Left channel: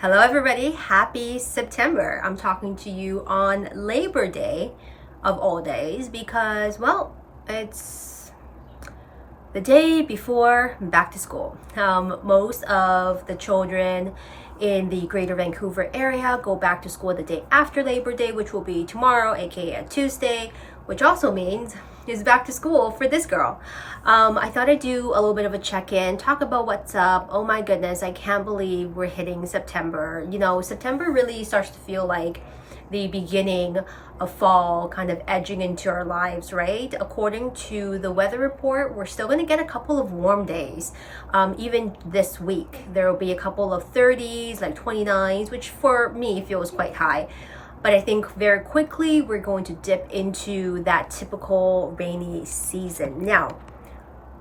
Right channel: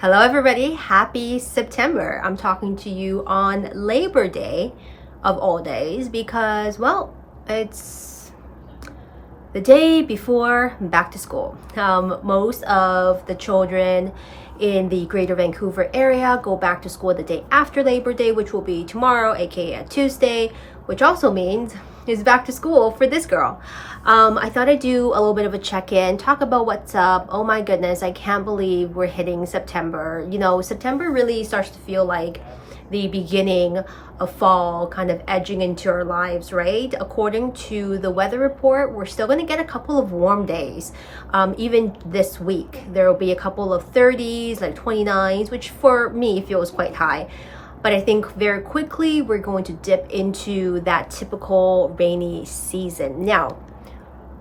Hello everybody, happy September. I'm talking to you on Labor Day of all days because, well, it's the day before back to school. Most of the children in the greater Vancouver area go back to school the day after Labor Day, which will be tomorrow, aka Tuesday, which also means is back to school for this girl. I thought I'd do a little bit of a check-in, talk about what's up. Oh my goodness, I can't believe we're hitting September. You know, September really starts to feel like the beginning of fall kind of edging into our lives, right? According to the weather report, we're still going to get a couple of warm days. Even this week, there will be a couple of 30s, like 29s, which for me feels quite high. But I think very quickly we're going to dip into that typical rainy season. Now,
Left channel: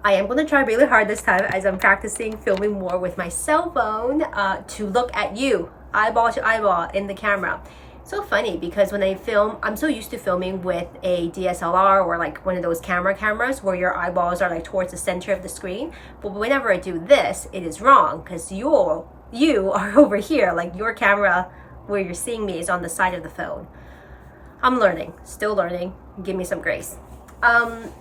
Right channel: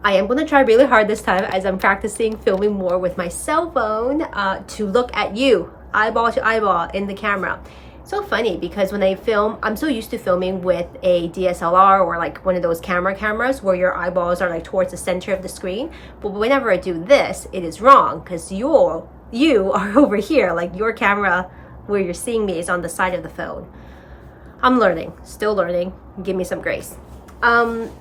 I am going to try really hard this time as I'm practicing filming more with my cell phone to look at you, eyeball to eyeball in the camera. So funny because when I film, I'm so used to filming with a DSLR or like one of those cameras where your eyeballs are like towards the center of the screen. But whenever I do this, it is wrong because you are over here, like your camera where you're seeing me is on the side of the phone. I'm learning, still learning. Give me some grace. A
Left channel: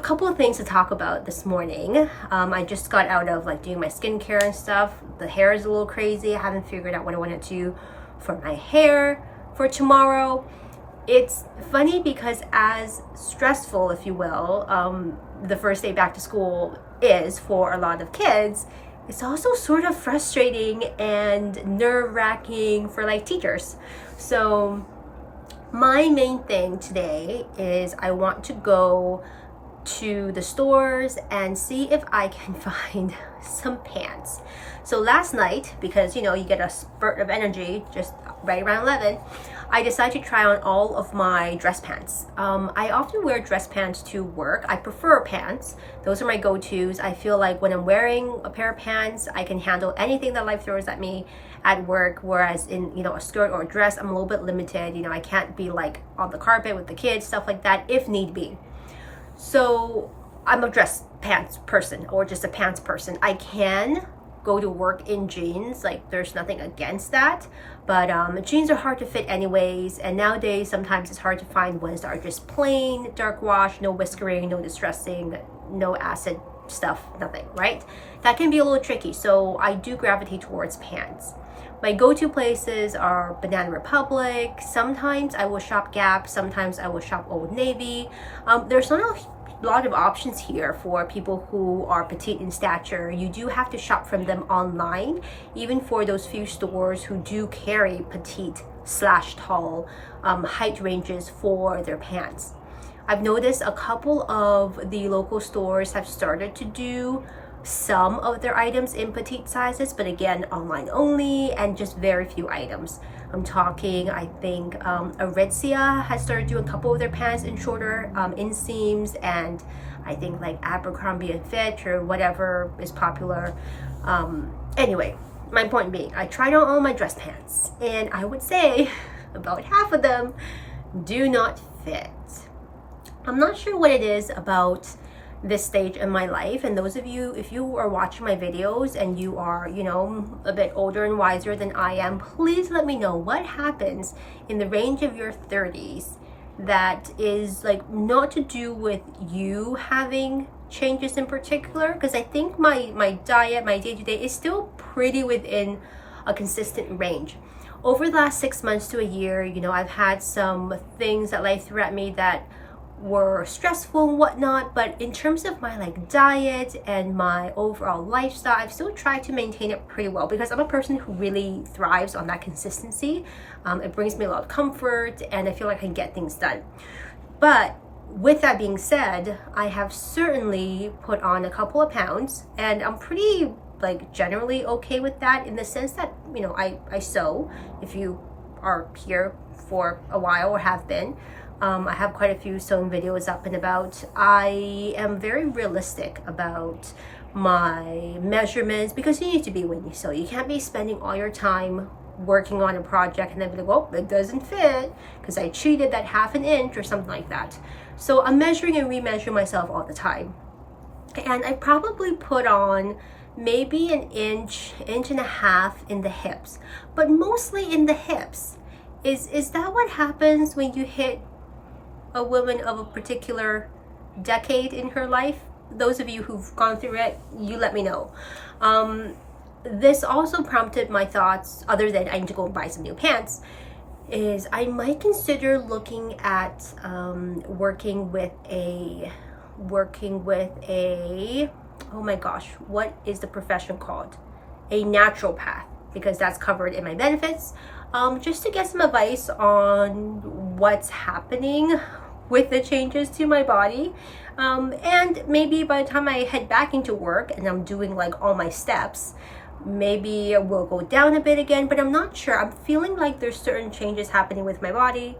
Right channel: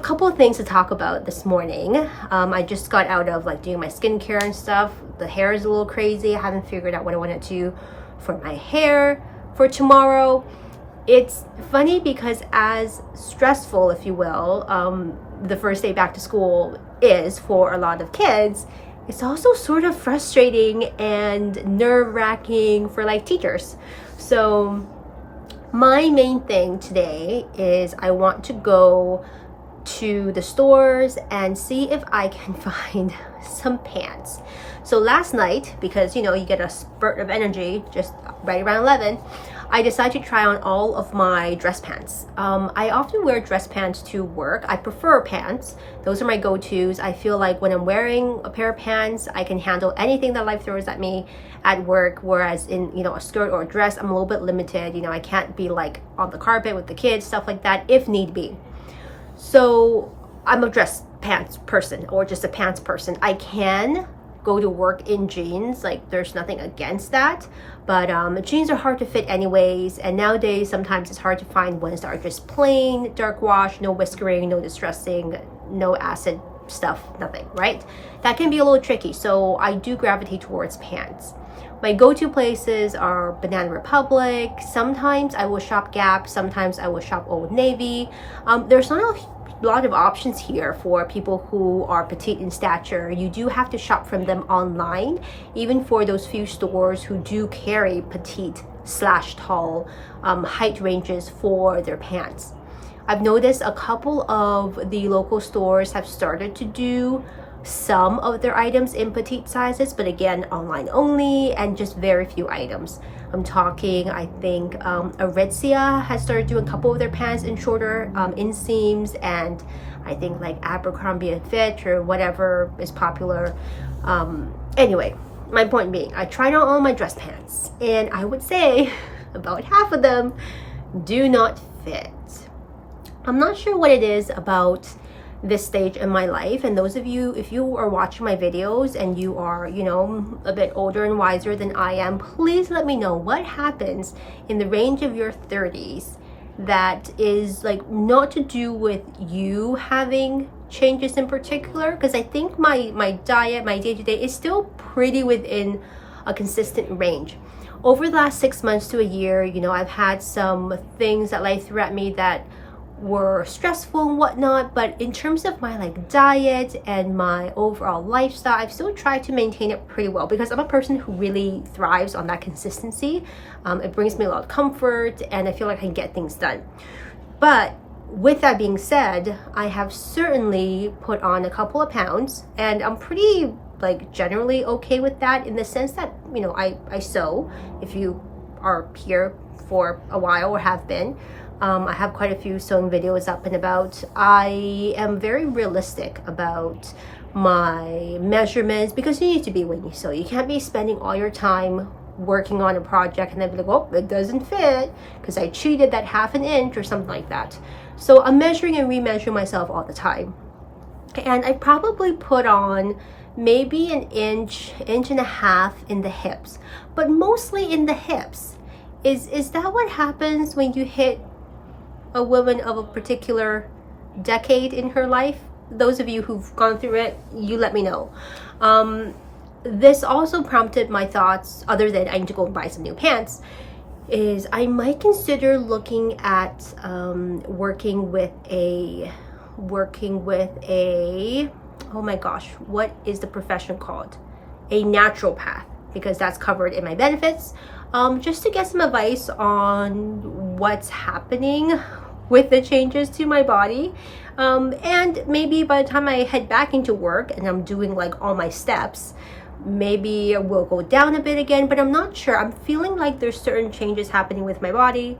couple of things to talk about this morning. I just got out of like doing my skincare and stuff. The hair is a little crazy. I haven't figured out what I want to do for my hair for tomorrow. It's funny because as stressful, if you will, the first day back to school is for a lot of kids, it's also sort of frustrating and nerve-wracking for like teachers. So my main thing today is I want to go to the stores and see if I can find some pants. So last night, because you know you get a spurt of energy just right around 11, I decided to try on all of my dress pants. I often wear dress pants to work. I prefer pants. Those are my go-tos. I feel like when I'm wearing a pair of pants, I can handle anything that life throws at me at work. Whereas in, you know, a skirt or a dress, I'm a little bit limited. You know, I can't be like on the carpet with the kids, stuff like that, if need be. So I'm a dress pants person or just a pants person. I can go to work in jeans, like there's nothing against that, but jeans are hard to fit anyways, and nowadays sometimes it's hard to find ones that are just plain dark wash, no whiskering, no distressing, no acid stuff, nothing, right? That can be a little tricky, so I do gravitate towards pants. My go-to places are Banana Republic. Sometimes I will shop Gap, sometimes I will shop Old Navy. There's not a lot of options here for people who are petite in stature. You do have to shop from them online, even for those few stores who do carry petite/tall height ranges for their pants. I've noticed a couple of the local stores have started to do some of their items in petite sizes, but again, online only and just very few items. I'm talking, I think Aritzia has started doing a couple of their pants in shorter inseams, and I think like Abercrombie and Fitch or whatever is popular. Anyway, my point being, I tried on all my dress pants and I would say about half of them do not fit. I'm not sure what it is about this stage in my life, and those of you, if you are watching my videos and you are, you know, a bit older and wiser than I am, please let me know what happens in the range of your 30s that is like not to do with you having changes in particular, because I think my diet, my day-to-day is still pretty within a consistent range. Over the last 6 months to a year, you know, I've had some things that life threw at me that were stressful and whatnot, but in terms of my like diet and my overall lifestyle, I've still tried to maintain it pretty well because I'm a person who really thrives on that consistency. It brings me a lot of comfort and I feel like I can get things done. But with that being said, I have certainly put on a couple of pounds, and I'm pretty like generally okay with that, in the sense that, you know, I sew. If you are here for a while or have been, I have quite a few sewing videos up and about. I am very realistic about my measurements because you need to be when you sew. You can't be spending all your time working on a project and then be like, oh, it doesn't fit because I cheated that ½ inch or something like that. So I'm measuring and remeasuring myself all the time. And I probably put on maybe an inch and a half in the hips. but mostly in the hips. Is that what happens when you hit a woman of a particular decade in her life? Those of you who've gone through it, you let me know. This also prompted my thoughts, other than I need to go and buy some new pants, is I might consider looking at working with a, oh my gosh, what is the profession called? A naturopath, because that's covered in my benefits, just to get some advice on what's happening with the changes to my body. And maybe by the time I head back into work and I'm doing like all my steps, maybe we'll go down a bit again, but I'm not sure. I'm feeling like there's certain changes happening with my body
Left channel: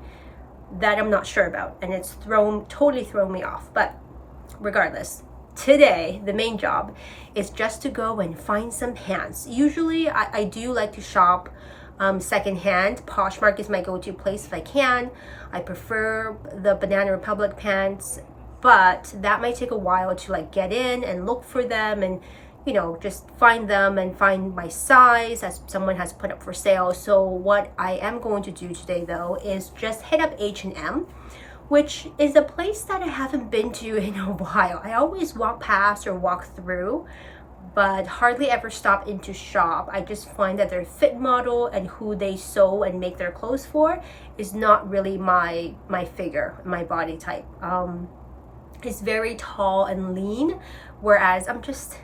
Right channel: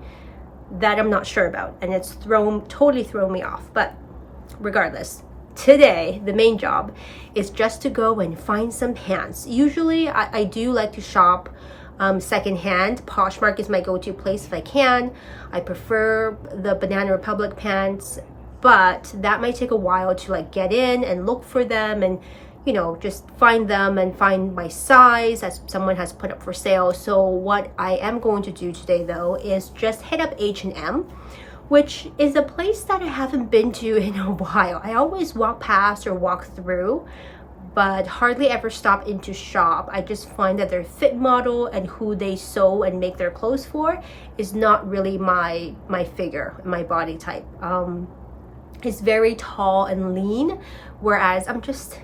that I'm not sure about, and it's totally thrown me off. But regardless, today the main job is just to go and find some pants. Usually I do like to shop secondhand. Poshmark is my go-to place if I can. I prefer the Banana Republic pants, but that might take a while to like get in and look for them and, you know, just find them and find my size as someone has put up for sale. So what I am going to do today though is just hit up H&M, which is a place that I haven't been to in a while. I always walk past or walk through, but hardly ever stop in to shop. I just find that their fit model and who they sew and make their clothes for is not really my figure, my body type. It's very tall and lean, whereas I'm just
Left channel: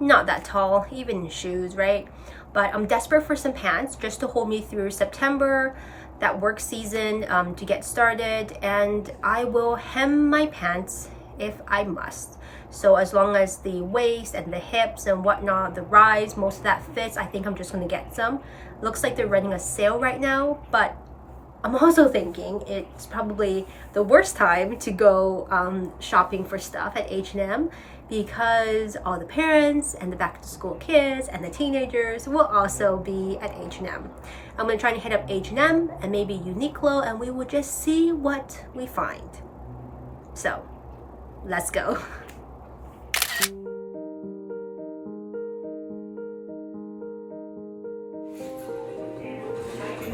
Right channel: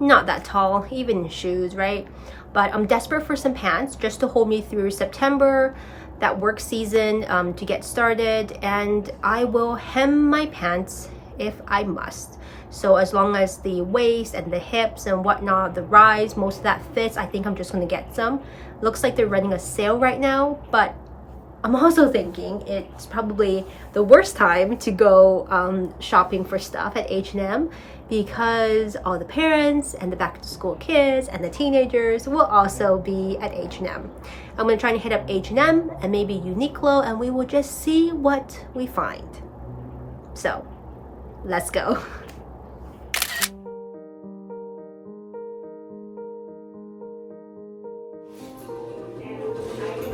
not that tall, even in shoes, right? But I'm desperate for some pants just to hold me through September, that work season, to get started, and I will hem my pants if I must. So as long as the waist and the hips and whatnot, the rise, most of that fits, I think I'm just gonna get some. Looks like they're running a sale right now, but I'm also thinking it's probably the worst time to go shopping for stuff at H&M, because all the parents and the back to school kids and the teenagers will also be at H&M. I'm gonna try to hit up H&M and maybe Uniqlo, and we will just see what we find. So let's go.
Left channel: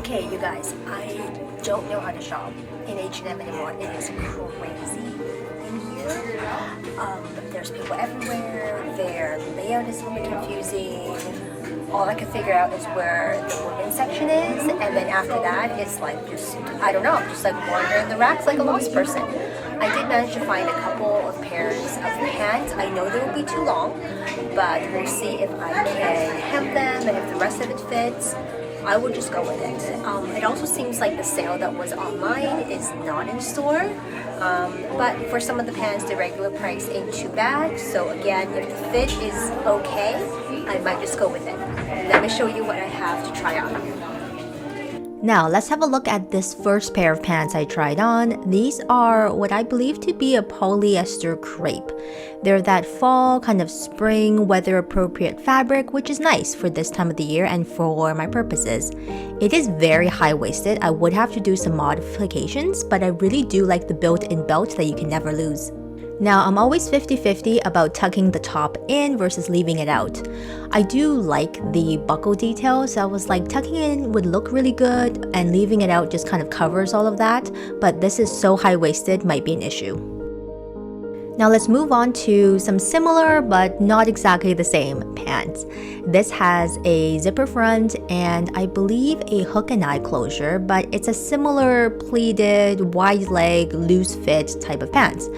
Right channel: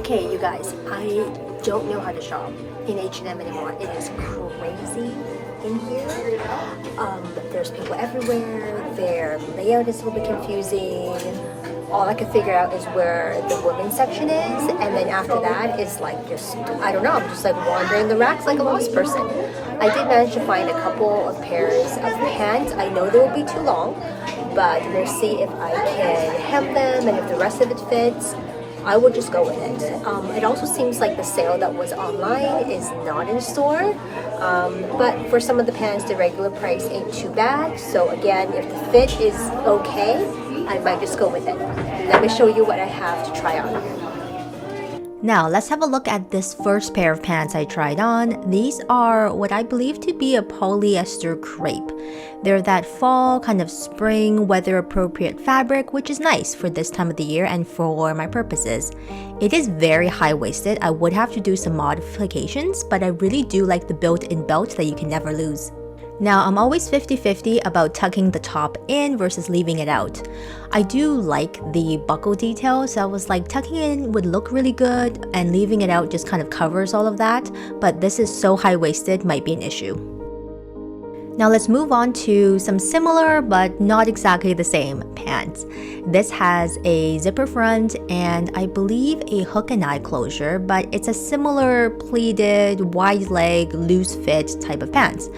Okay, you guys, I don't know how to shop in H&M anymore. It is crazy in here. There's people everywhere. Their layout is a little bit confusing. All I can figure out is where the women's section is, and then after that, it's like just, I don't know, I'm just like wandering the racks like a lost person. I did manage to find a couple of pairs of pants. I know they will be too long, but we'll see if I can hem them, and if the rest of it fits, I will just go with it. It also seems like the sale that was online is not in store, but for some of the pants, the regular price ain't too bad. So again, if the fit is okay, I might just go with it. Let me show you what I have to try on. Now, let's have a look at this first pair of pants I tried on. These are what I believe to be a polyester crepe. They're that fall, kind of spring, weather-appropriate fabric, which is nice for this time of the year and for my purposes. It is very high-waisted. I would have to do some modifications, but I really do like the built-in belt that you can never lose. Now, I'm always 50-50 about tucking the top in versus leaving it out. I do like the buckle detail, so I was like, tucking it in would look really good, and leaving it out just kind of covers all of that, but this is so high-waisted, might be an issue. Now let's move on to some similar but not exactly the same pants. This has a zipper front and I believe a hook and eye closure, but it's a similar pleated, wide leg, loose fit type of pants.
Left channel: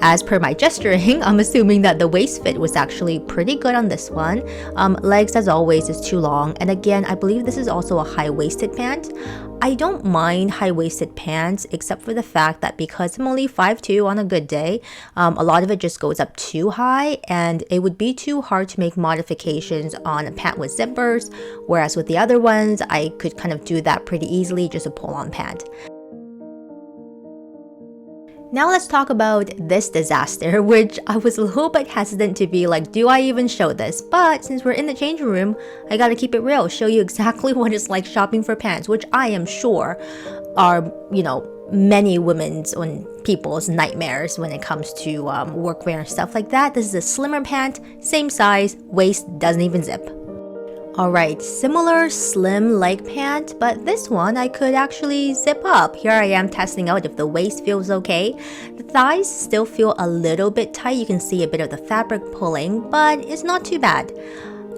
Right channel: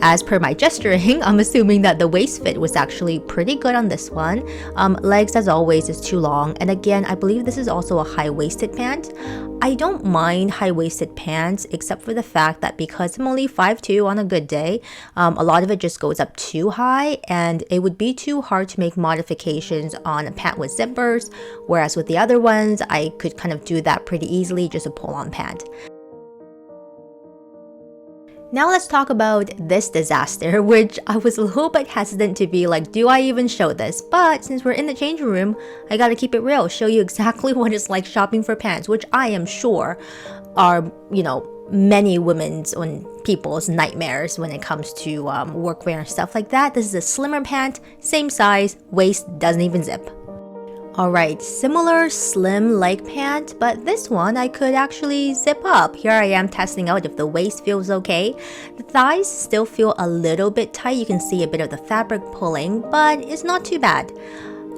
As per my gesturing, I'm assuming that the waist fit was actually pretty good on this one. Legs, as always, is too long, and again, I believe this is also a high-waisted pant. I don't mind high-waisted pants, except for the fact that because I'm only 5'2" on a good day, a lot of it just goes up too high, and it would be too hard to make modifications on a pant with zippers, whereas with the other ones, I could kind of do that pretty easily, just a pull-on pant. Now let's talk about this disaster, which I was a little bit hesitant to be like, do I even show this? But since we're in the changing room, I gotta keep it real, show you exactly what it's like shopping for pants, which I am sure are, you know, many women's and people's nightmares when it comes to workwear and stuff like that. This is a slimmer pant, same size, waist doesn't even zip. Alright, similar slim leg pant, but this one I could actually zip up. Here I am testing out if the waist feels okay. The thighs still feel a little bit tight. You can see a bit of the fabric pulling, but it's not too bad.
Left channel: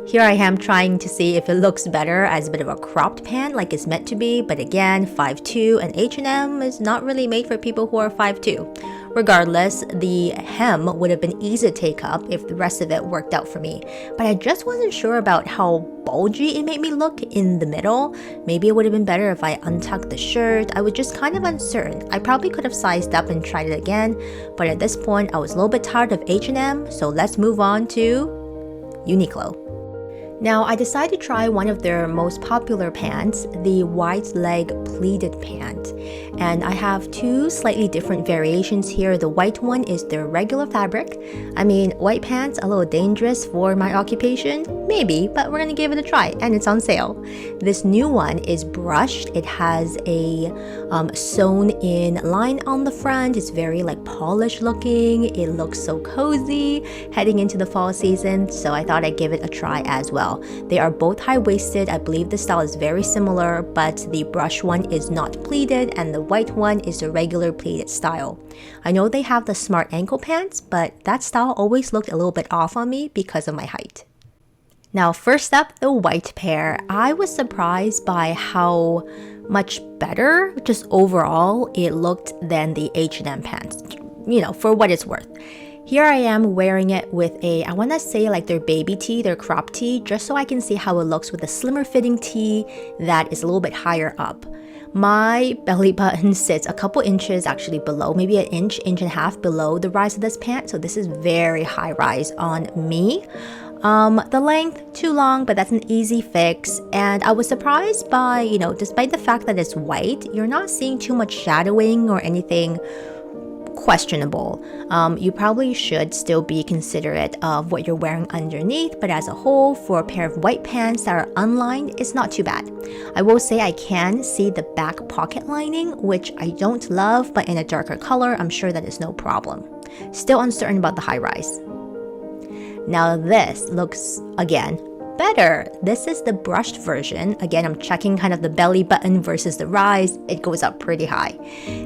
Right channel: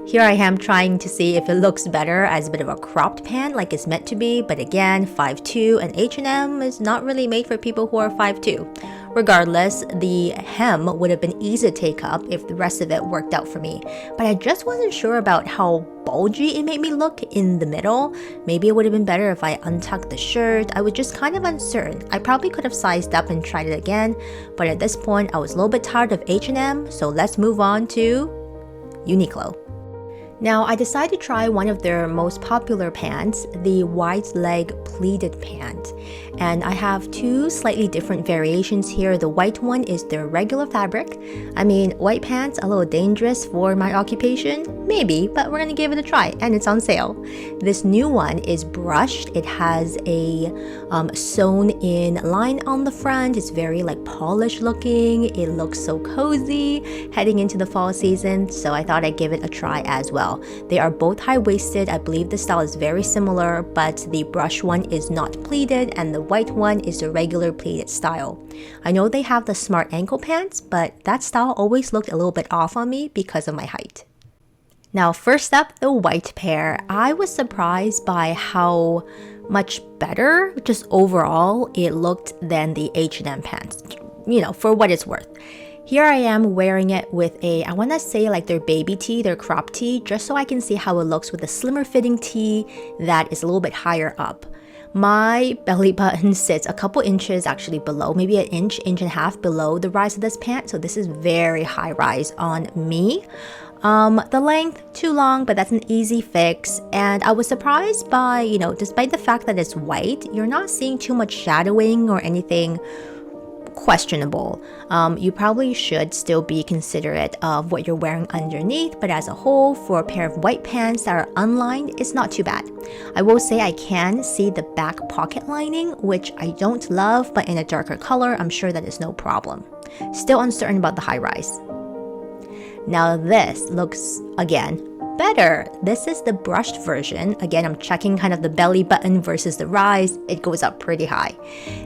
Here I am trying to see if it looks better as a bit of a cropped pant like it's meant to be, but again, 5'2", and H&M is not really made for people who are 5'2". Regardless, the hem would have been easy to take up if the rest of it worked out for me, but I just wasn't sure about how bulgy it made me look in the middle. Maybe it would have been better if I untucked the shirt. I was just kind of uncertain. I probably could have sized up and tried it again, but at this point I was a little bit tired of H&M, so let's move on to Uniqlo. Now, I decided to try one of their most popular pants, the wide leg pleated pant. And I have two slightly different variations here. The white one is their regular fabric. I mean, white pants a little dangerous for my occupation? Maybe, but we're gonna give it a try, and it's on sale. This new one is brushed. It has a sewn in line on the front. It's very like polished looking. It looks so cozy heading into the fall season, so I thought I'd give it a try as well. They are both high-waisted. I believe the style is very similar, but the brush one is not pleated and the white one is the regular pleated style. I know they have the smart ankle pants, but that style always looked a little bit off on me because of my height. Now, first up, the white pair. I was surprised by how much better, just overall, it looked than the H&M pants, for what it's worth. Here I am wearing it with I want to say like their baby tee, their crop tee, just so I can see how it looks with a slimmer fitting tee that is a little bit higher up. My belly button sits a couple inches actually below, maybe an inch, inch and a half below the rise of this pant, so this is very high rise on me. The length, too long, but that's an easy fix. And I was surprised by, despite the fact that it's white, you're not seeing too much shadowing or anything questionable. You probably should still be considerate of what you're wearing underneath, but as a whole, for a pair of white pants that are unlined, it's not too bad. I will say I can see the back pocket lining, which I don't love, but in a darker color, I'm sure that is no problem. Still uncertain about the high rise. Now this looks, again, better. This is the brushed version. Again, I'm checking kind of the belly button versus the rise. It goes up pretty high.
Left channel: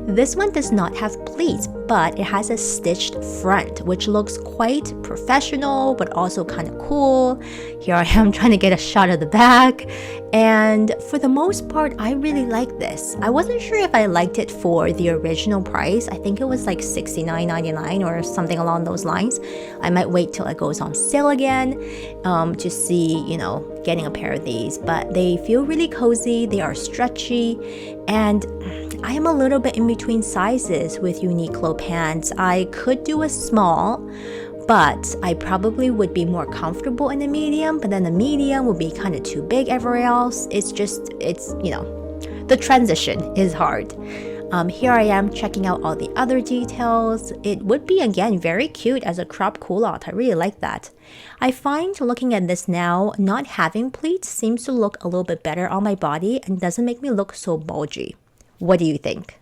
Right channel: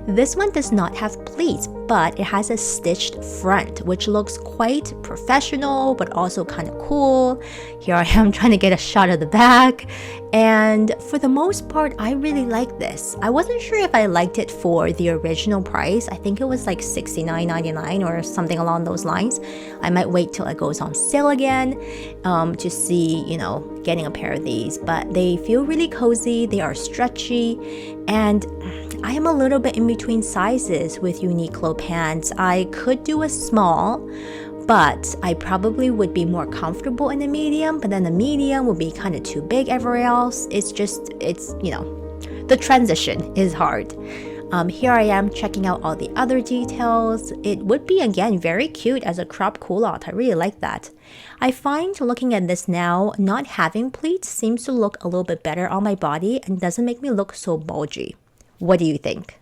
This one does not have pleats, but it has a stitched front, which looks quite professional, but also kind of cool. Here I am trying to get a shot of the back. And for the most part, I really like this. I wasn't sure if I liked it for the original price. I think it was like $69.99 or something along those lines. I might wait till it goes on sale again to see, getting a pair of these. But they feel really cozy. They are stretchy. And I am a little bit in between sizes with Uniqlo pants. I could do a small, but I probably would be more comfortable in a medium, but then the medium would be kind of too big everywhere else. It's the transition is hard. Here I am checking out all the other details. It would be, again, very cute as a crop culotte. I really like that. I find looking at this now, not having pleats seems to look a little bit better on my body and doesn't make me look so bulgy. What do you think?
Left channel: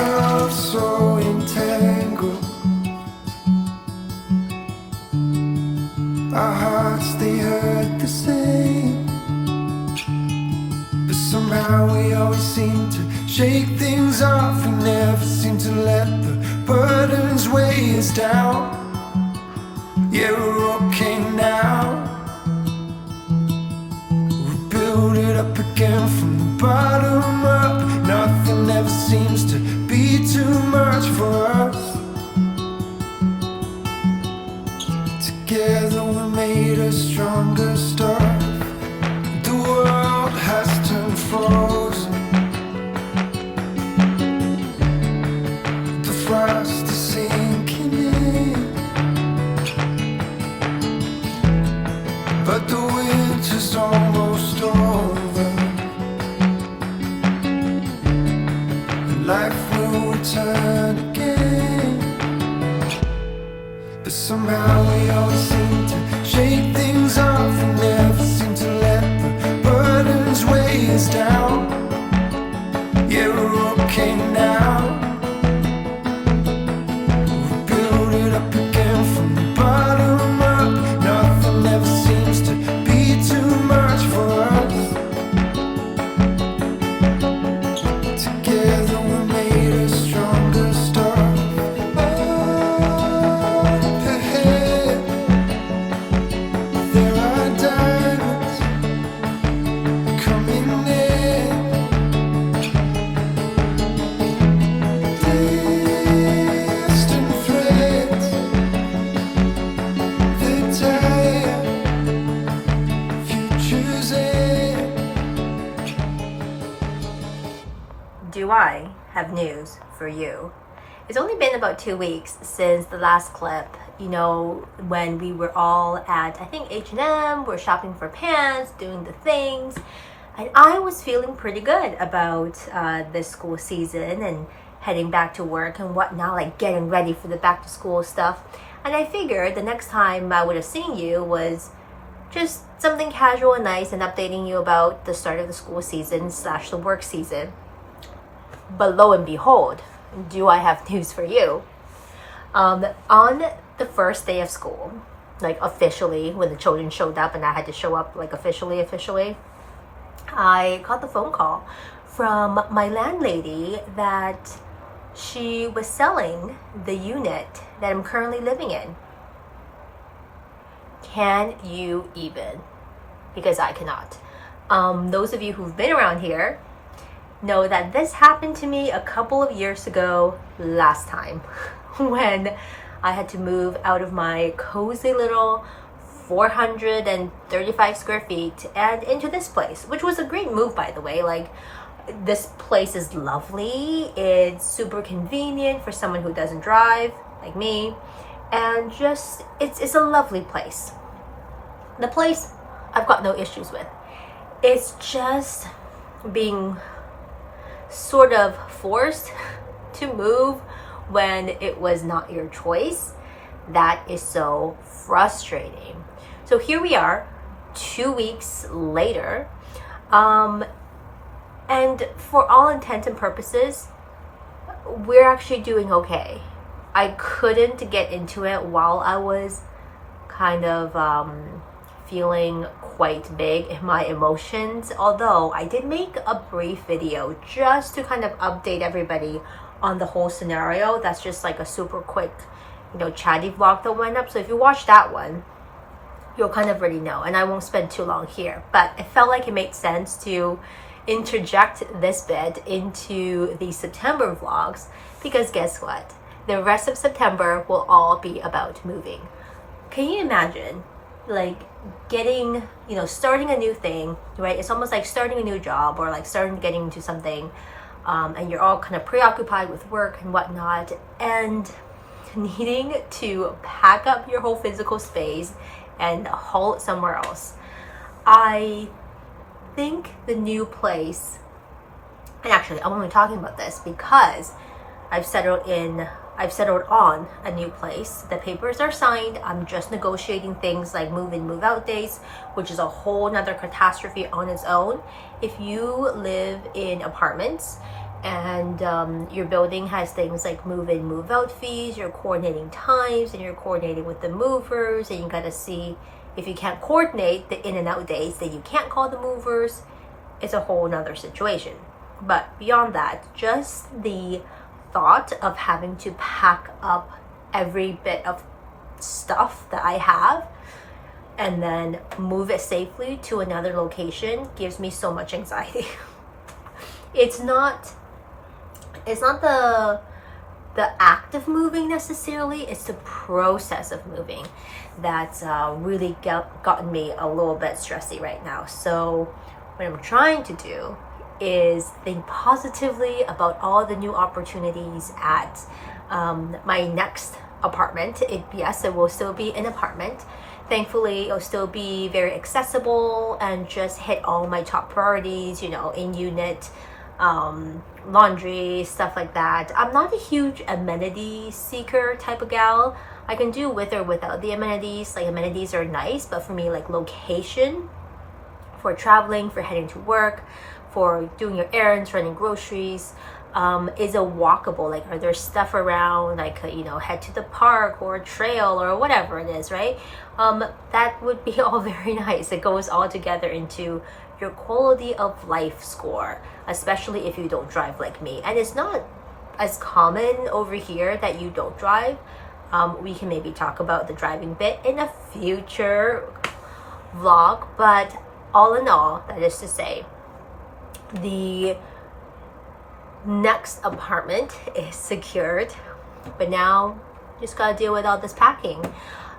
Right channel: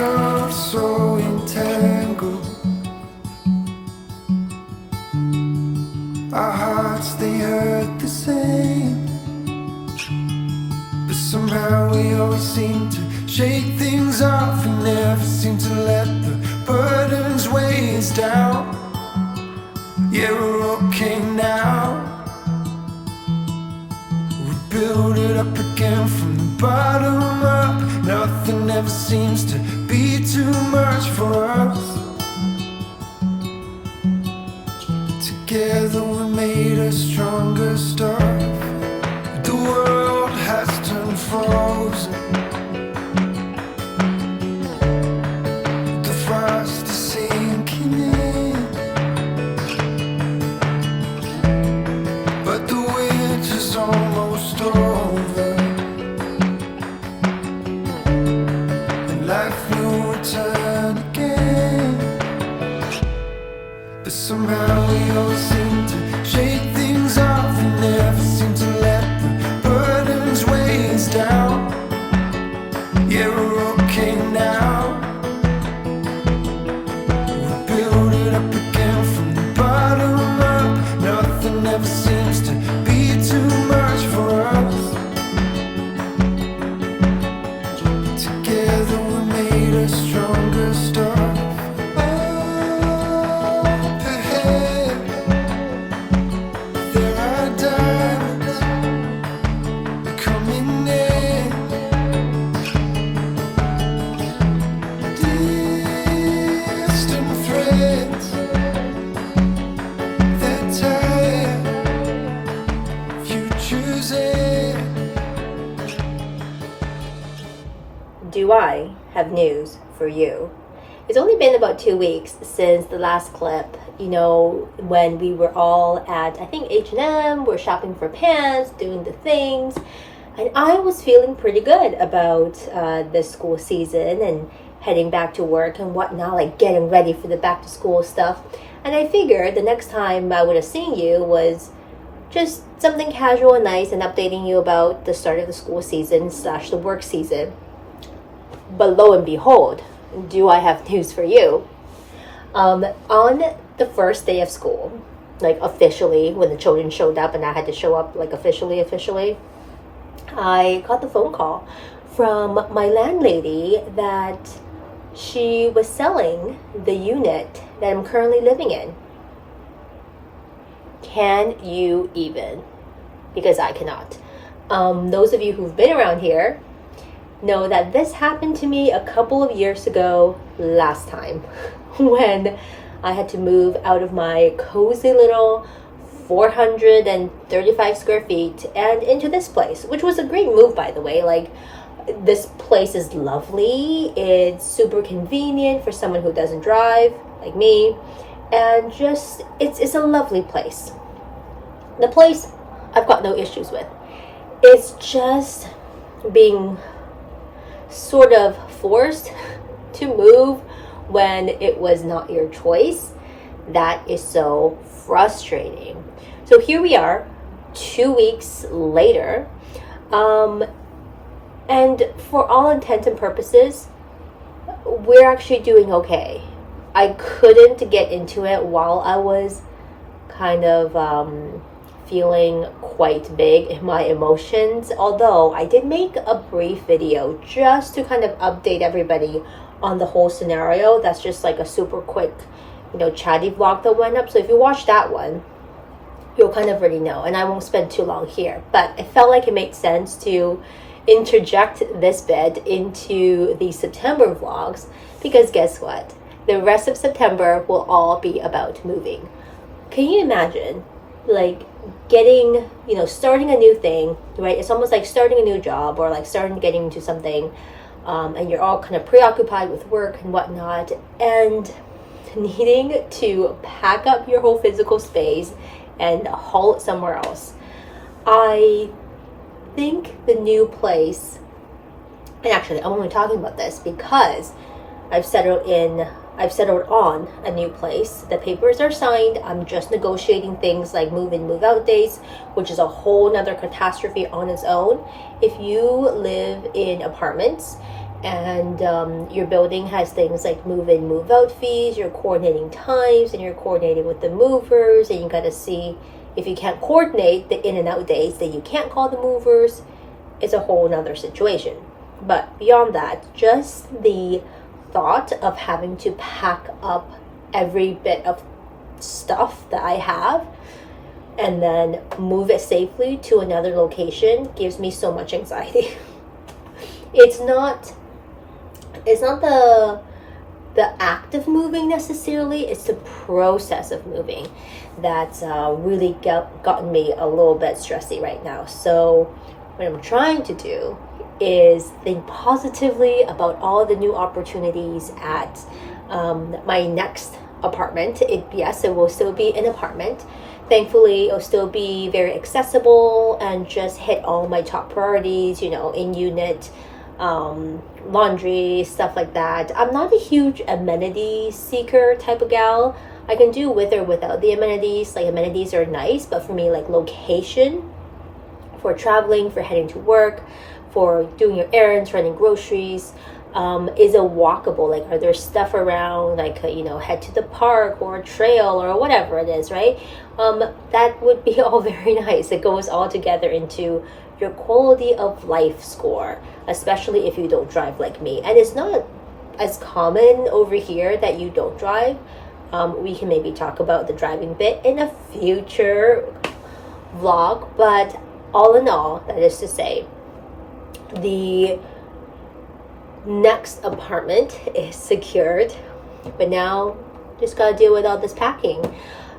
become so entangled. Our hearts, they hurt the same, but somehow we always seem to shake things off. We never seem to let the burdens weigh us down. Yeah, we're okay now. We build it up again from the bottom up. Nothing ever seems to be too much for us. Together we made a stronger start. The world has turned frozen. The frost is sinking in, but the winter's almost over, and life will return again. But somehow we always seem to shake things off. We never seem to let the burdens weigh us down. Yeah, we're okay now. We build it up again from the bottom up. Nothing ever seems to be too much for us. Together we made a stronger start. Do I have news for you? It's only been about 2 weeks since the last clip, you know, when we were all at, I think, H&M, we're shopping for pants, doing the things, and I was feeling pretty good about this school season and heading back to work and whatnot, like getting ready for the back to school stuff. And I figured the next time I would have seen you was just something casual and nice and updating you about the start of the school season / the work season. But lo and behold, do I have news for you? On the first day of school, like officially, when the children showed up and I had to show up like officially, I got the phone call from my landlady that she was selling the unit that I'm currently living in. Can you even? Because I cannot. Those of you who've been around here know that this happened to me a couple of years ago last time when I had to move out of my cozy little 435 square feet and into this place, which was a great move, by the way. Like, this place is lovely. It's super convenient for someone who doesn't drive like me, and just it's a lovely place. The place I've got no issues with. It's just being sort of forced to move when it was not your choice. That is so frustrating. So here we are 2 weeks later, and for all intents and purposes, we're actually doing okay. I couldn't get into it while I was kind of feeling quite big in my emotions, although I did make a brief video just to kind of update everybody on the whole scenario. That's just like a super quick, chatty vlog that went up. So if you watch that one, you'll kind of already know, and I won't spend too long here. But I felt like it made sense to interject this bit into the September vlogs, because guess what? The rest of September will all be about moving. Can you imagine, like, starting a new thing, right? It's almost like starting a new job, or like getting into something, and you're all kind of preoccupied with work and whatnot, and needing to pack up your whole physical space and haul it somewhere else. I think the new place, and actually I'm only talking about this because I've settled on a new place. The papers are signed. I'm just negotiating things like move in, move out days, which is a whole nother catastrophe on its own. If you live in apartments, and your building has things like move in, move out fees, you're coordinating times, and you're coordinating with the movers, and you got to see if you can't coordinate the in and out days, then you can't call the movers. It's a whole nother situation. But beyond that, just the thought of having to pack up every bit of stuff that I have and then move it safely to another location gives me so much anxiety. It's not the act of moving necessarily, it's the process of moving that's really gotten me a little bit stressy right now. So what I'm trying to do is think positively about all the new opportunities at my next apartment. Yes, it will still be an apartment. Thankfully, it'll still be very accessible and just hit all my top priorities, in unit, laundry, stuff like that. I'm not a huge amenity seeker type of gal. I can do with or without the amenities. Like, amenities are nice, but for me, like, location for traveling, for heading to work, for doing your errands, running groceries, is a walkable. Like, are there stuff around, like, head to the park or a trail or whatever it is, right? That would be all very nice. It goes all together into your quality of life score, especially if you don't drive like me. And it's not as common over here that you don't drive. We can maybe talk about the driving bit in a future vlog, but all in all, that is to say, the next apartment is secured, but now just gotta deal with all this packing,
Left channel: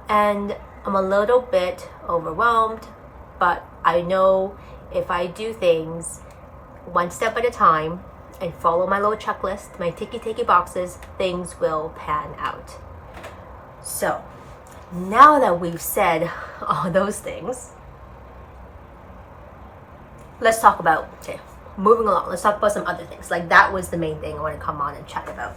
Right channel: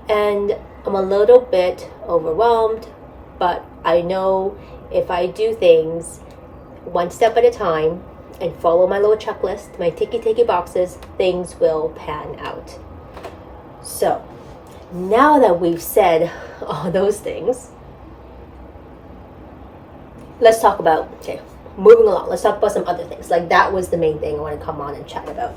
and I'm a little bit overwhelmed, but I know if I do things one step at a time and follow my little checklist, my ticky boxes, things will pan out. So now that we've said all those things, let's talk about, moving along, let's talk about some other things. Like, that was the main thing I want to come on and chat about.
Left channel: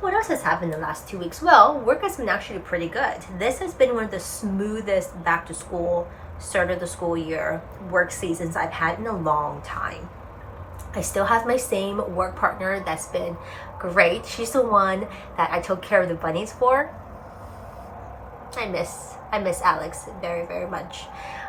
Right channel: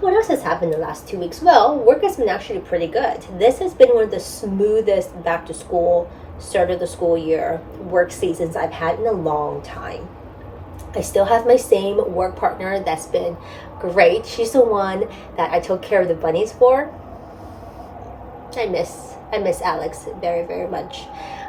What else has happened in the last 2 weeks? Well, work has been actually pretty good. This has been one of the smoothest back to school, start of the school year work seasons I've had in a long time. I still have my same work partner that's been great. She's the one that I took care of the bunnies for. I miss Alex very, very much.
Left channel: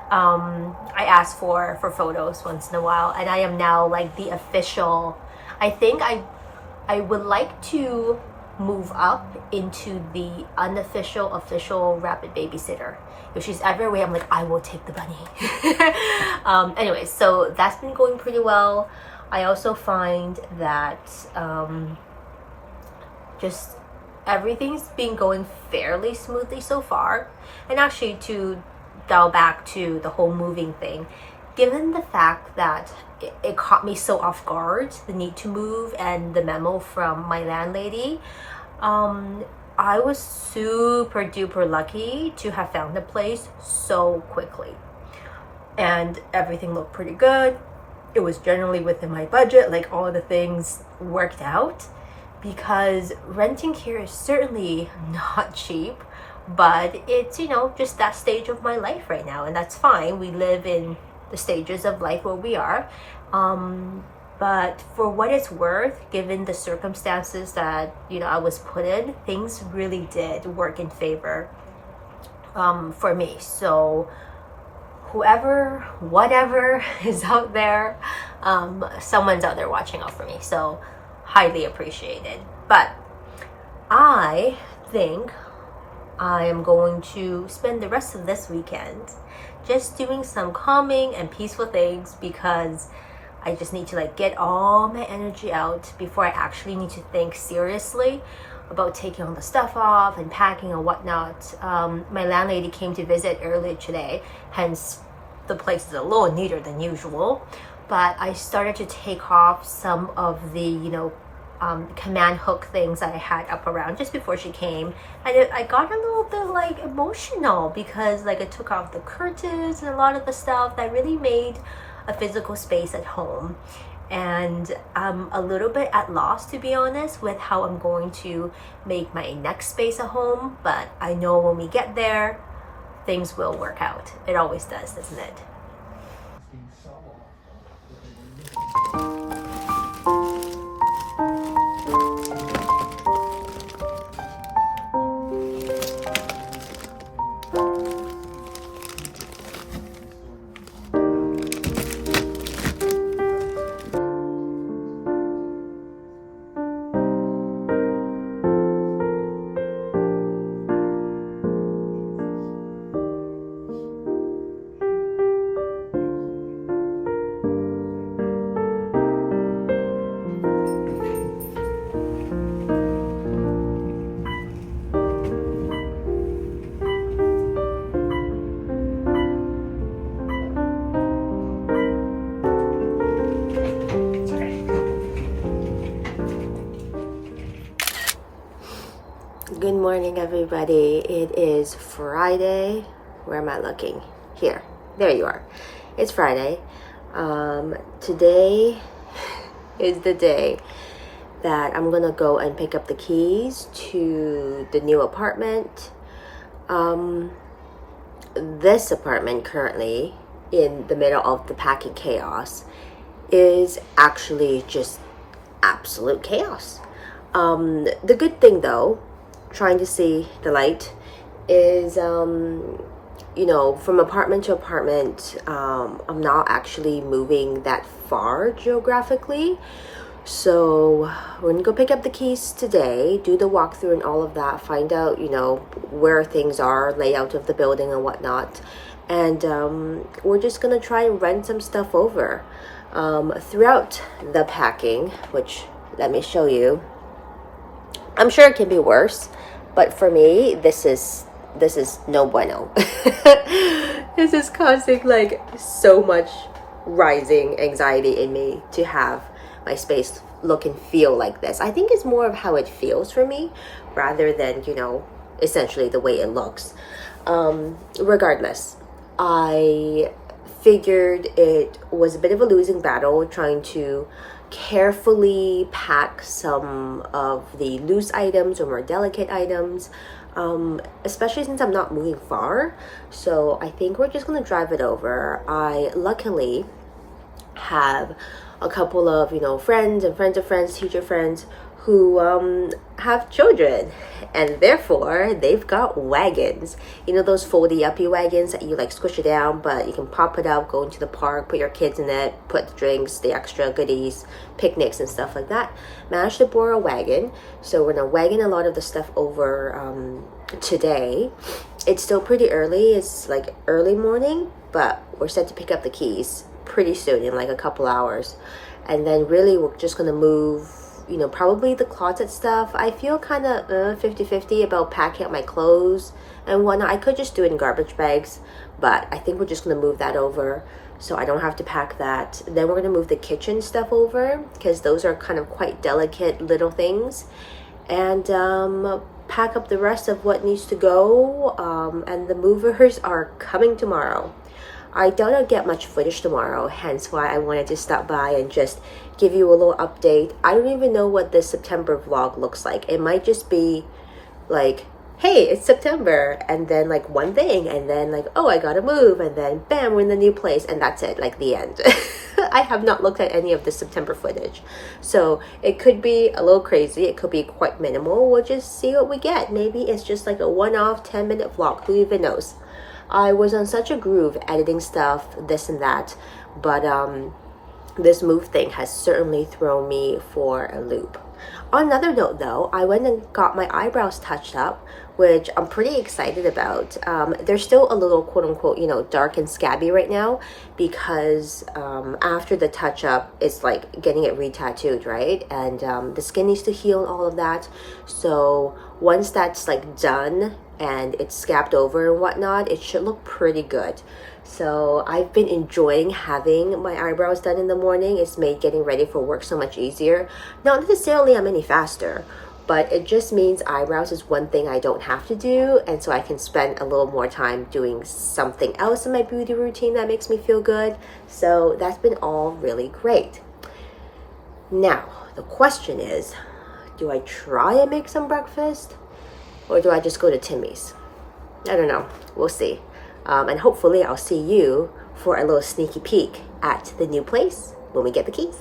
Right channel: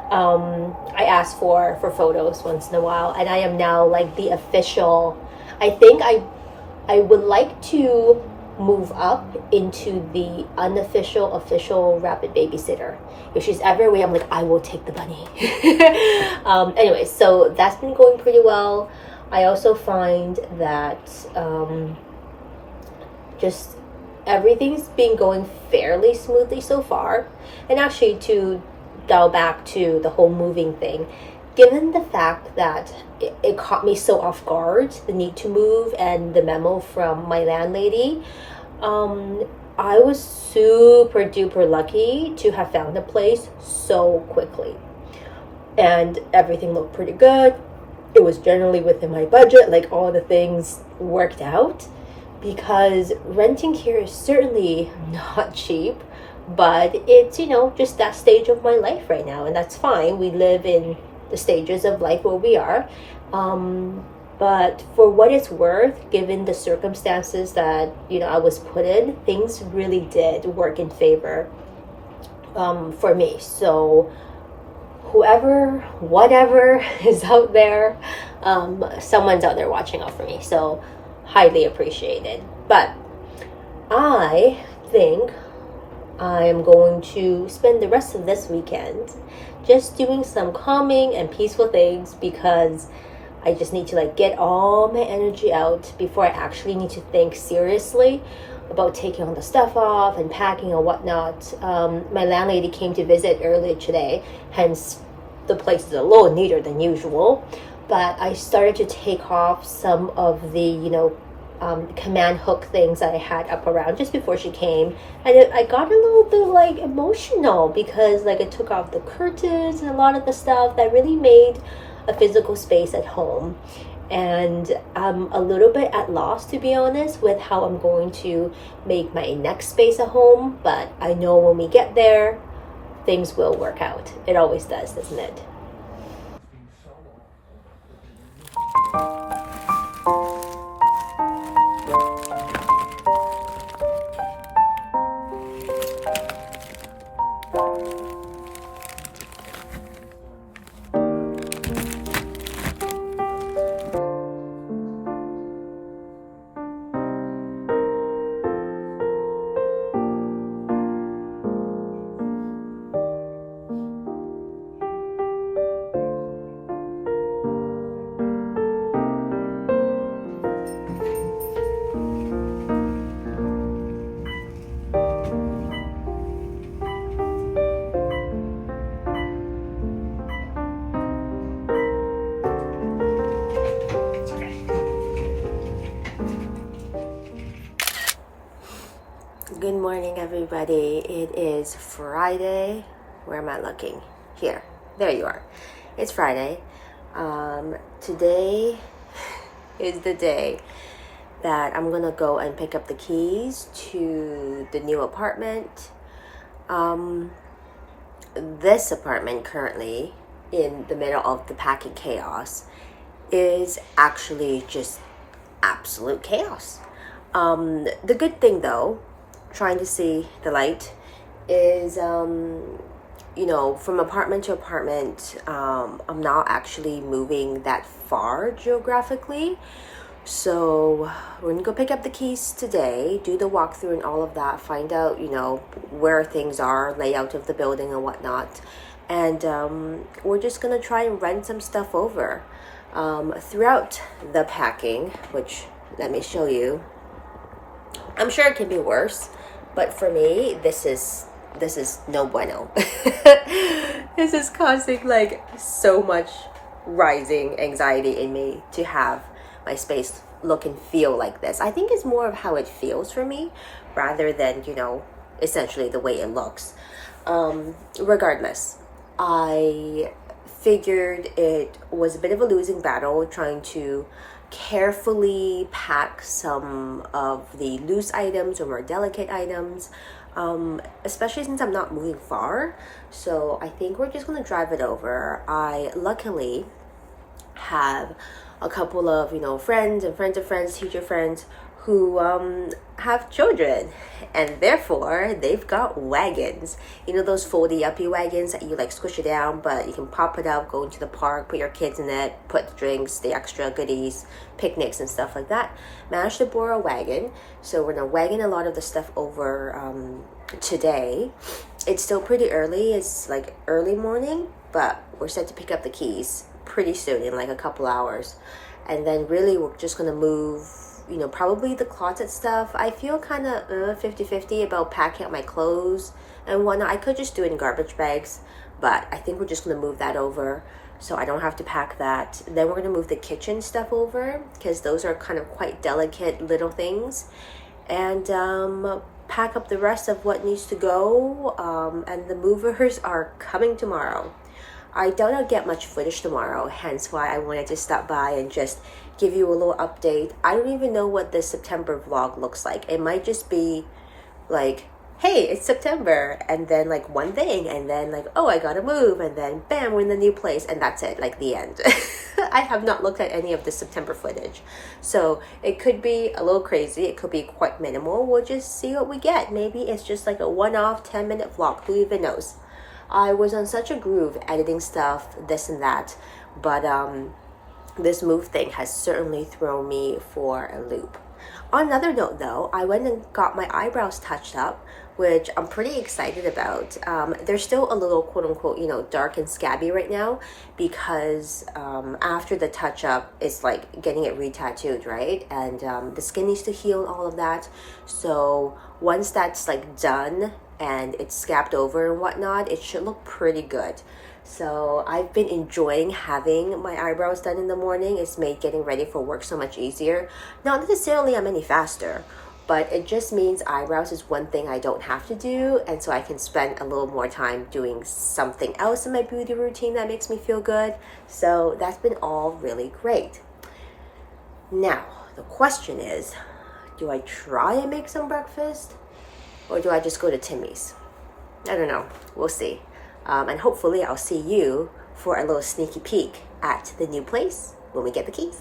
I asked for photos once in a while, and I am now like the official. I think I would like to move up into the unofficial, official rapid babysitter. If she's ever away, I'm like, I will take the bunny. Anyway, so that's been going pretty well. I also find that just everything's been going fairly smoothly so far. And actually, to dial back to the whole moving thing, given the fact that it caught me so off guard, the need to move and the memo from my landlady, I was super duper lucky to have found a place so quickly, and everything looked pretty good. It was generally within my budget, like all the things worked out, because renting here is certainly not cheap, but it's, just that stage of my life right now, and that's fine. We live in the stages of life where we are. But for what it's worth, given the circumstances that, I was put in, things really did work in favor for me. So whoever, whatever is out there, someone's out there watching out for me. So highly appreciated. But I think I am going to spend the rest of this weekend just doing some calming and peaceful things, because I just need to get all my energy out before I actually need to think seriously about taking all the stuff off and packing and whatnot. My landlady came to visit earlier today, hence the place is a little neater than usual. But I started to take off some of the, command hook things that I had up around just before she came, and I got a little bit emotional, because it took off the curtains and a lot of the stuff that really made a physical space at home. And I'm a little bit at loss, to be honest, with how I'm going to make my next space a home, but I know when we get there, things will work out. It always does, doesn't it? Good morning, everybody. It is Friday. Where am I looking? Here. There you are. It's Friday. Today is the day that I'm gonna go and pick up the keys to the new apartment. This apartment currently, in the middle of the packing chaos, is actually just absolute chaos. The good thing though, trying to see the light, is from apartment to apartment, I'm not actually moving that far geographically, so we're gonna go pick up the keys today, do the walkthrough and all of that, find out where things are, layout of the building and whatnot, and we're just gonna try and rent some stuff over. Throughout the packing, which let me show you, I'm sure it can be worse, but for me, this is no bueno. This is causing like so much rising anxiety in me to have my space look and feel like this. I think it's more of how it feels for me rather than, essentially the way it looks. Regardless, I figured it was a bit of a losing battle trying to carefully pack some of the loose items or more delicate items, especially since I'm not moving far. So I think we're just gonna drive it over. I luckily have a couple of friends and friends of friends, teacher friends, who have children, and therefore they've got wagons. Those foldy uppy wagons that you like squish it down, but you can pop it up, go into the park, put your kids in it, put the drinks, the extra goodies, picnics and stuff like that. Managed to borrow a wagon, so we're gonna wagon a lot of the stuff over today. It's still pretty early, it's like early morning, but we're set to pick up the keys pretty soon, in like a couple hours, and then really we're just gonna move probably the closet stuff. I feel kind of 50-50 about packing up my clothes and whatnot. I could just do it in garbage bags, but I think we're just going to move that over so I don't have to pack that. Then we're going to move the kitchen stuff over because those are kind of quite delicate little things, and pack up the rest of what needs to go, and the movers are coming tomorrow. I doubt I'll get much footage tomorrow, hence why I wanted to stop by and just give you a little update. I don't even know what this September vlog looks like. It might just be like, hey, it's September, and then like one thing, and then like, oh, I gotta move, and then bam, we're in the new place, and that's it, like the end. I have not looked at any of the September footage, so it could be a little crazy, it could be quite minimal. We'll just see what we get. Maybe it's just like a one-off 10-minute vlog, who even knows. I was on such a groove editing stuff, this and that, but this move thing has certainly thrown me for a loop. On another note though, I went and got my eyebrows touched up, which I'm pretty excited about. They're still a little quote-unquote, dark and scabby right now because after the touch-up, it's like getting it re-tattooed, right? And the skin needs to heal and all of that. So once that's like done and it's scabbed over and whatnot, it should look pretty good. So I've been enjoying having my eyebrows done in the morning. It's made getting ready for work so much easier. Not necessarily I'm any faster, but it just means eyebrows is one thing I don't have to do, and so I can spend a little more time doing something else in my beauty routine that makes me feel good. So that's been all really great. Now, the question is, do I try and make some breakfast, or do I just go to Timmy's? I don't know. We'll see. And hopefully I'll see you for a little sneaky peek at the new place when we get the keys.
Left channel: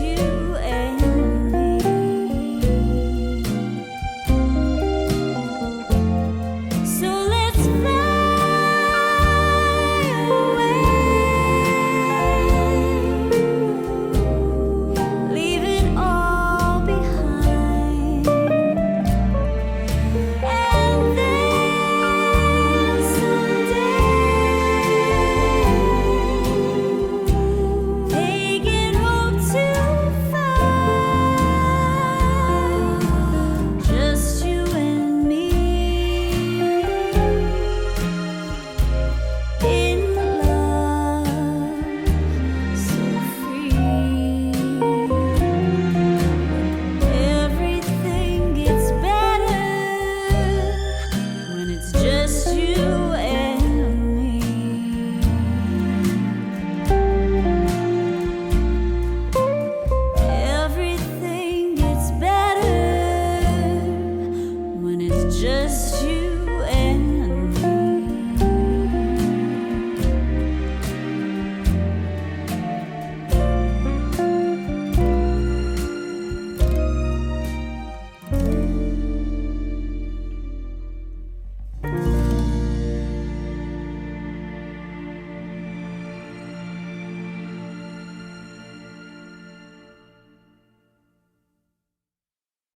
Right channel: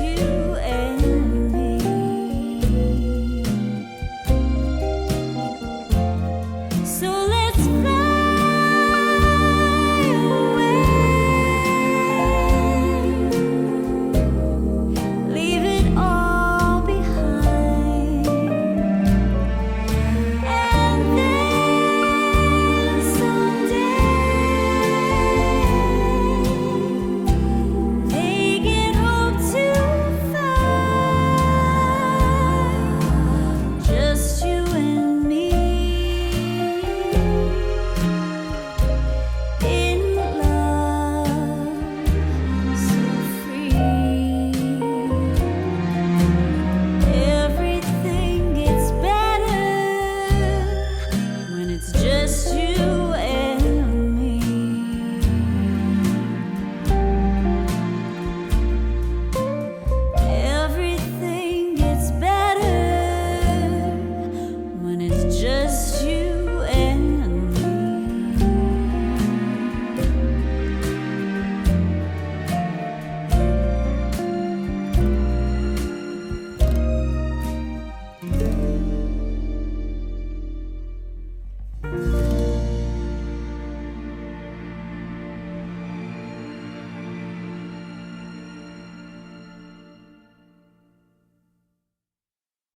you.